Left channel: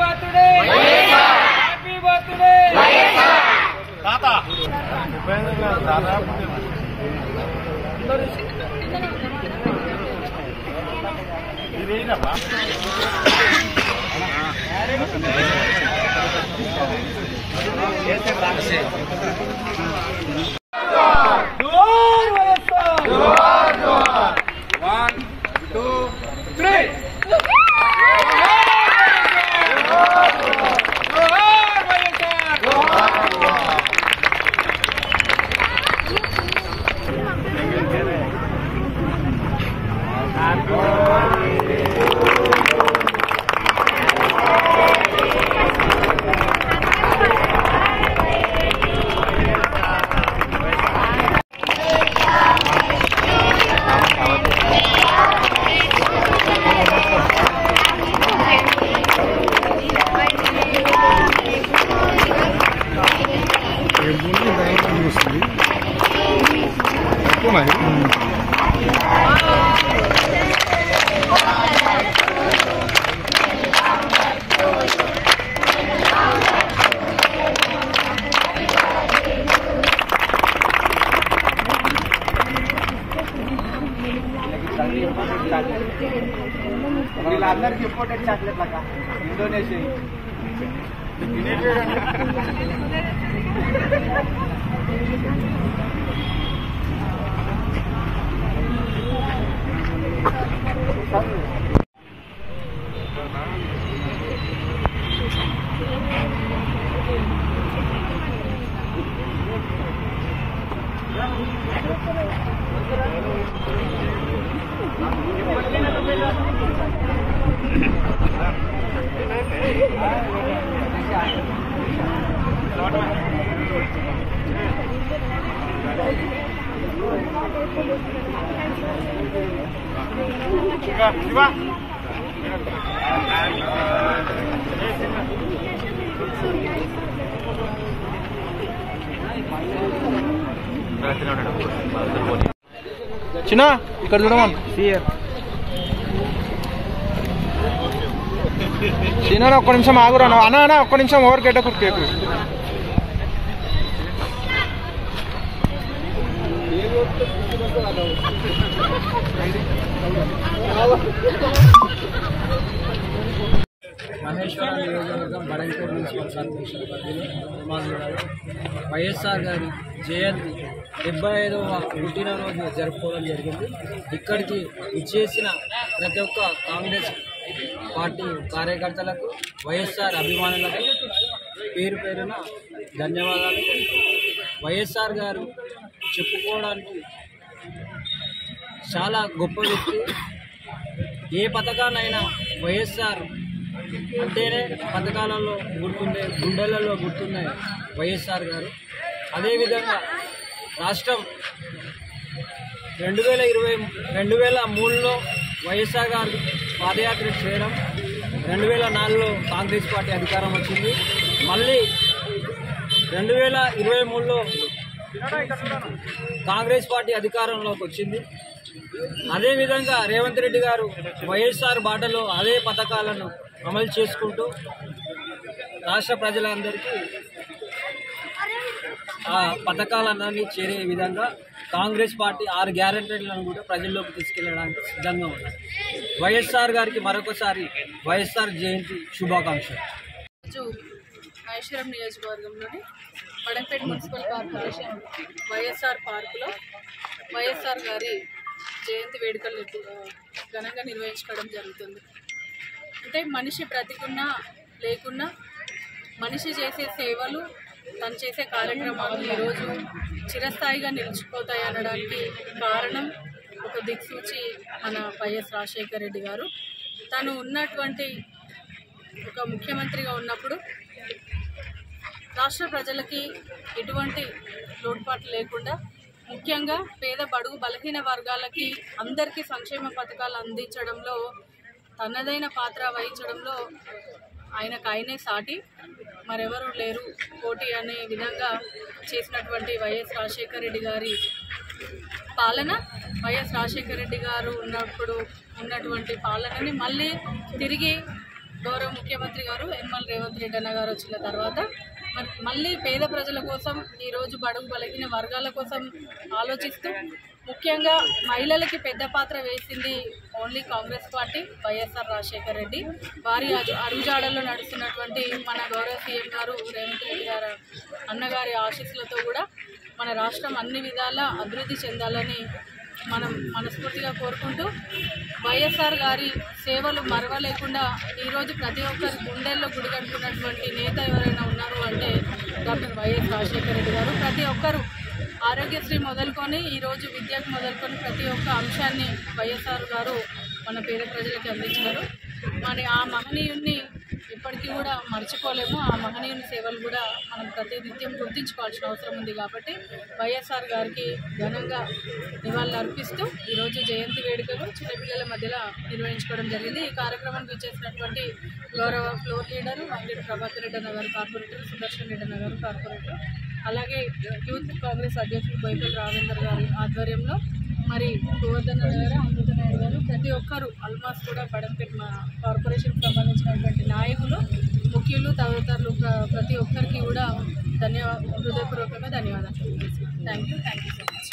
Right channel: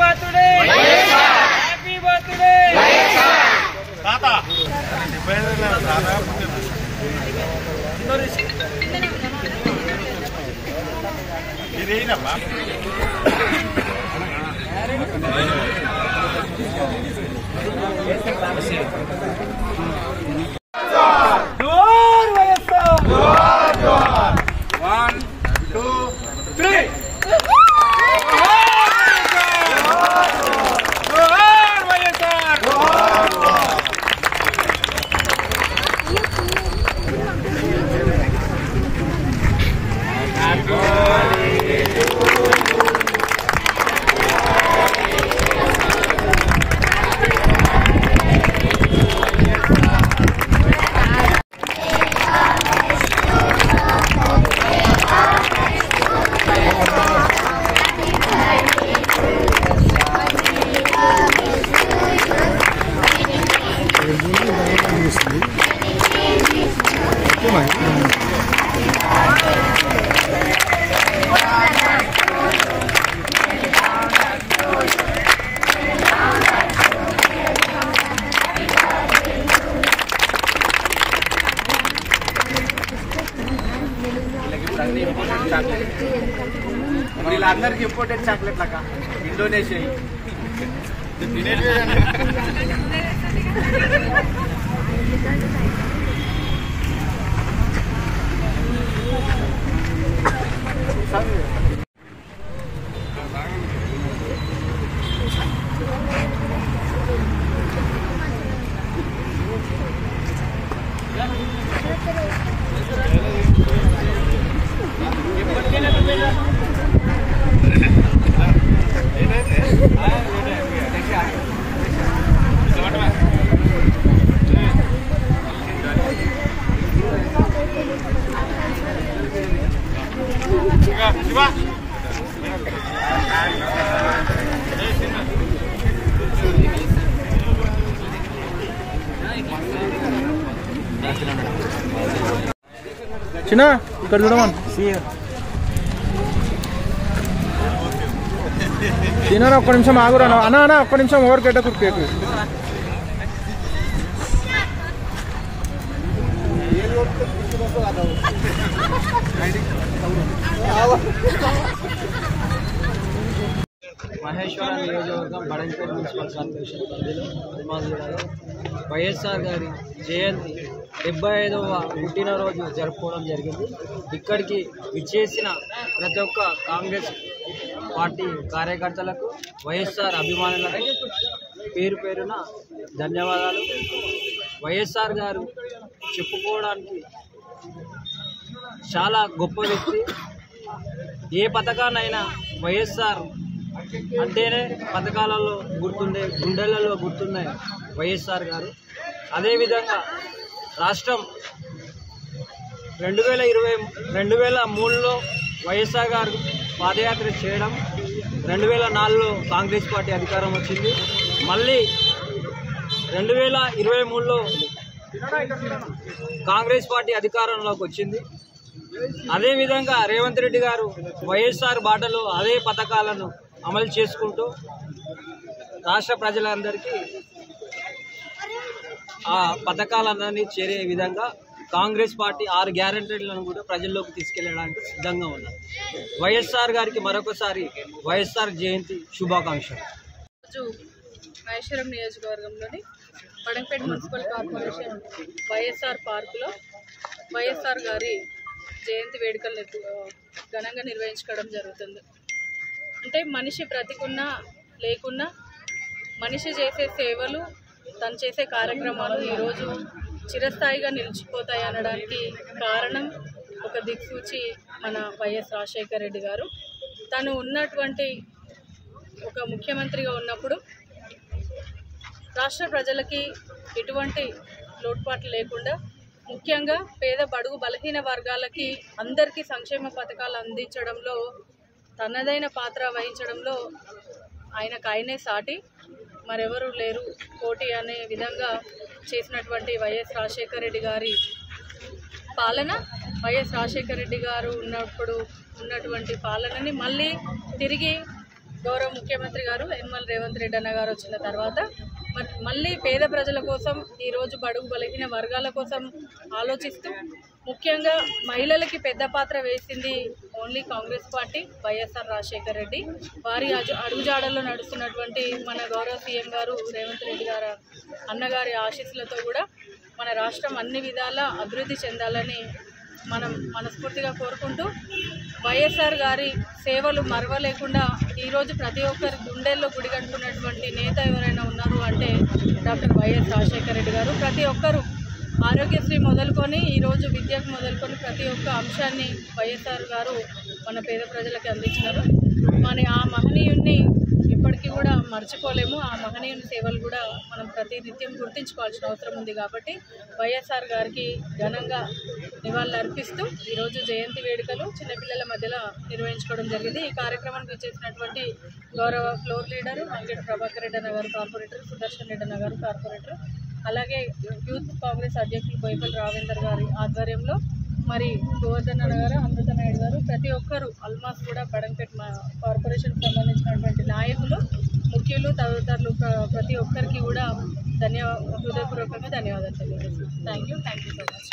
Birthday happy birthday తాత ఇదేనమ్మా వీళ్ళందరికీ imported chocolate లాగా ఇండోనేషియా చిన్న ఇక్కడ చూడమని చిన్న ఒక్క నిమిషం ఆగురా అన్న ఒక్క నిమిషం ఓవర్ గడ్డ కుర్కేకు మహేశ్వరం నియోజకవర్గం బడంగపేట మున్సిపల్ కార్పొరేషన్ పరిధిలో నిర్మాణ జిల్లాలో వైఎస్ఆర్ గారి జయంతి 75వ పుట్టినరోజు జరుపుకోవడం జరిగింది. ఇక్కడికి విచ్చేసిన ప్రతి ఒక్క కాంగ్రెస్ పార్టీ కార్యకర్తలకు వైఎస్ఆర్ అభిమానులకు పేరు పేరున ధన్యవాదాలు. వైఎస్ఆర్ గారు చెప్పుకోవడానికి చాలా గొప్ప వ్యక్తి. ఏ పథకాన్నైనా వైఎస్ఆర్ అంటేనే పథకాలలో గుర్తుండే గుండెలలో గుర్తుండే వైఎస్ఆర్ గారు. అదేవిధంగా రాష్ట్రం 2003లో వైఎస్ఆర్ గారు పాదయాత్ర చేయడం, 2004లో కాంగ్రెస్ పార్టీ అధికారం వచ్చింది. మళ్ళీ 2023లో కాంగ్రెస్ పార్టీ అధికారంలోకి వచ్చింది. అదేవిధంగా రేవంత్ రెడ్డి గారు వైఎస్ఆర్ బాటలో అదే పథకాలను అమలు చేసుకుంటూ రాష్ట్ర ప్రజలందరికీ ఆ పథకాలన్నీ చేరే విధంగా కాంగ్రెస్ పార్టీ 6 గ్యారెంటీలను కూడా ప్రజల్లోకి తీసుకెళ్లడానికి సిద్ధంగా ఉన్నారు. వైఎస్ఆర్ గారికి మరొకసారి వైఎస్ఆర్ జయంతి శుభాకాంక్షలు. మహేశ్వరం నియోజకవర్గంలోని బడంగపేట మున్సిపల్ కార్పొరేషన్ వైఎస్ఆర్ పార్కులో వైఎస్ఆర్ గారి జయంతి వేడుకలు ఘనంగా నిర్వహించుకోవడం జరుగుతుంది. అంటే మనిషి బ్రతికున్నా లేకున్నా మనిషి చేసే సేవలు, తను చేసే కార్యక్రమాలు ఈరోజు చిరస్థాయిగా నిలిచిపోతాయి అనడానికి కారణం ఒక దిక్సూచి మన వైఎస్ రాజశేఖర రెడ్డి గారు. తను ఉన్నటువంటి ఒక ముఖ్యమంత్రిగా ఉన్నప్పుడు రాష్ట్ర ప్రజలకి ఎటువంటి లోటుపాట్లు లేకుండా, ముఖ్యంగా పేద బడుగు బలహీన వర్గాలకి అందరికీ సంక్షేమ పథకాలు అందించడంలో తనదైన పాత్ర వహించడంలో ఆయనే సాటి మరెవరూ లేరు పోటీ అనే విధంగా చేసినటువంటి వైఎస్ రాజశేఖర రెడ్డి గారి పాలన, వైఎస్ రాజశేఖర రెడ్డి గారు ఉన్నప్పుడు ఉన్నటువంటి పాలనని మళ్ళీ తిరిగి గౌరవ ముఖ్యమంత్రి గారు యనమల రేవంత్ రెడ్డి అన్న గారు వచ్చిన తర్వాత మళ్ళీ పేద ప్రజల కోసం ఈరోజు బడుగు బలహీన వర్గాల కోసం ఆలోచిస్తూ ముఖ్యంగా మహిళలకి పెద్ద పాత్ర వేసింది ఓన్లీ కాంగ్రెస్ పార్టీ, వైఎస్ఆర్ రాజశేఖర్ రెడ్డి. వారి అడుగుజాడల్లో నడుస్తున్నటువంటి మన గౌరవ సీఎం గారు రేవంత్ రెడ్డి గారు అన్నగారి ఆశీస్సులతో కూడా మన రాష్ట్రం అన్ని విధాలా అభివృద్ధి చెందాలని మనం మనస్ఫూర్తిగా కోరుకుంటూ, వైఎస్ఆర్ గారి సేవలు మరవలేకుండా ఈరోజు ప్రతి ఒక్కరి గుండెల్లో గుడిగట్టుకున్నటువంటి నేత ఎవరైనా ఉన్నారు అంటే డాక్టర్ వైఎస్ రాజశేఖర రెడ్డి గారు. ప్రతి ఒక్కరూ ఆరోగ్యశ్రీ మొదలుకొని ఈరోజు విద్యకు మొదలుకొని ప్రతి ఒక్క అంశాన్ని వైఎస్ఆర్ గారు మన పేద ప్రజలకి అందించినారు. ఆ మహనీయుడిని ఇప్పటికీ కూడా మర్చిపోలేము. ఆ మహనీయుని సేవలు కూడా మనం ప్రతినిత్యం గుర్తించుకోవాల్సిన అవసరం ఉంది. కాబట్టి వైఎస్ఆర్ గారికి ఘనంగా నివాళులు అర్పిస్తూ ఈరోజు జయంతి వేడుకలు చిన్నపిల్లల మధ్యలో నిర్వహించుకోవడం జరిగింది. ఈ కార్యక్రమానికి చేసినటువంటి గౌరవ ఫ్లోర్ లీడరు అంగడి ప్రభాకర్ రెడ్డి అన్న గారు కార్పొరేటర్, సుదర్శన్ రెడ్డి అన్న గారు కార్పొరేటర్, అలాగే యూత్ కాంగ్రెస్ అధ్యక్షులు బోయపల్లి రావేందర్ గారి ఆధ్వర్యంలో మరి గోవర్ధన్ అన్న గారు, అమృత నాయుడు గారు, ప్రతి ఒక్కరు ఆల్మోస్ట్ కూడా బడంపేట మా కార్పొరేషన్కి సంబంధించినటువంటి నాయకులు, ముఖ్యులు, తదితరులు ప్రతి ఒక్కరికి కూడా హృదయపూర్వకంగా ధన్యవాదాలు తెలియజేస్తున్నాను. Thank you so much.